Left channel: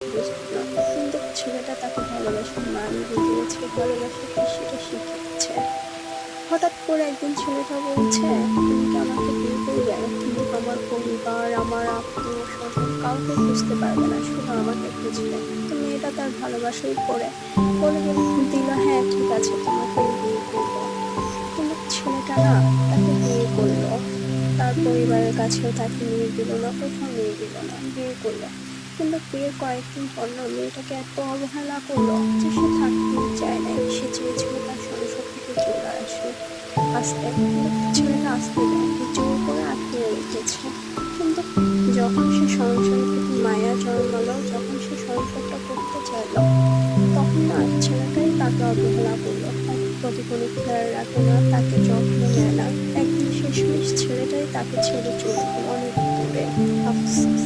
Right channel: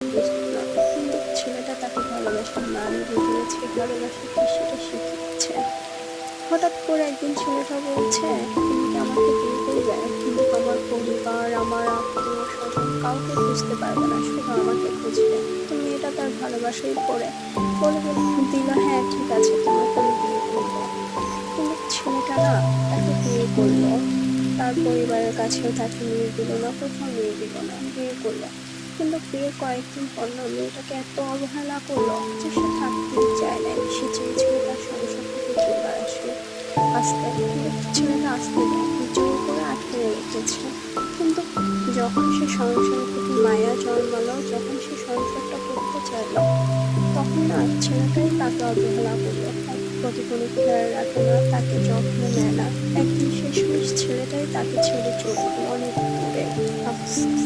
বুঝতো না। কিন্তু ছেলেটা তাকে ভালোবাসার মান বুঝিয়েছে, ভালোবাসা কি সেটা শিখিয়েছে। হঠাৎ করে একদিন ছেলেটা বলছে, তুমি কি আমাকে বিয়ে করবে? কিন্তু আমার পরিবার, আমার আত্মীয় স্বজন কাউকে খুঁজতে পারবে না, শুধু আমাকে খুঁজবে। তো মেয়েটা তার ভালোবাসাই পড়ে বলে দিল, হ্যাঁ ঠিক আছে, তোমাকে আমি বিয়ে করবো। কিন্তু ছেলেটা না তাকে বিয়ে করলো। তার পরিবারের কাছেও তাকে নিয়ে গেল না, কোথাও নিয়ে গেল না, বিয়ে করলো। কিন্তু বিয়ের কয়েকদিন পর না মেয়েটাকে এত অবহেলা করলো যে সে থাকতেই চায় নাই। সে চেয়েছিল তার সংসার থেকে চলে আসতে, কিন্তু ছেলেটা আসতে দেয়নি, জোর করে আটকে রেখেছে। কিন্তু যখন সে সংসারের প্রতি মায়া জন্মালো, যখন সে সংসারটা করতে চাইলো, তখন না ছেলেটাই তাকে অবহেলা করলো, তার প্রতি কোনো খেয়াল রাখে না, তাকে যত্ন নেয় না। একদিন শেষমেশ ছেলেটাই তাকে ছেড়ে চলে গেল অনেক দূরে। আফসোস।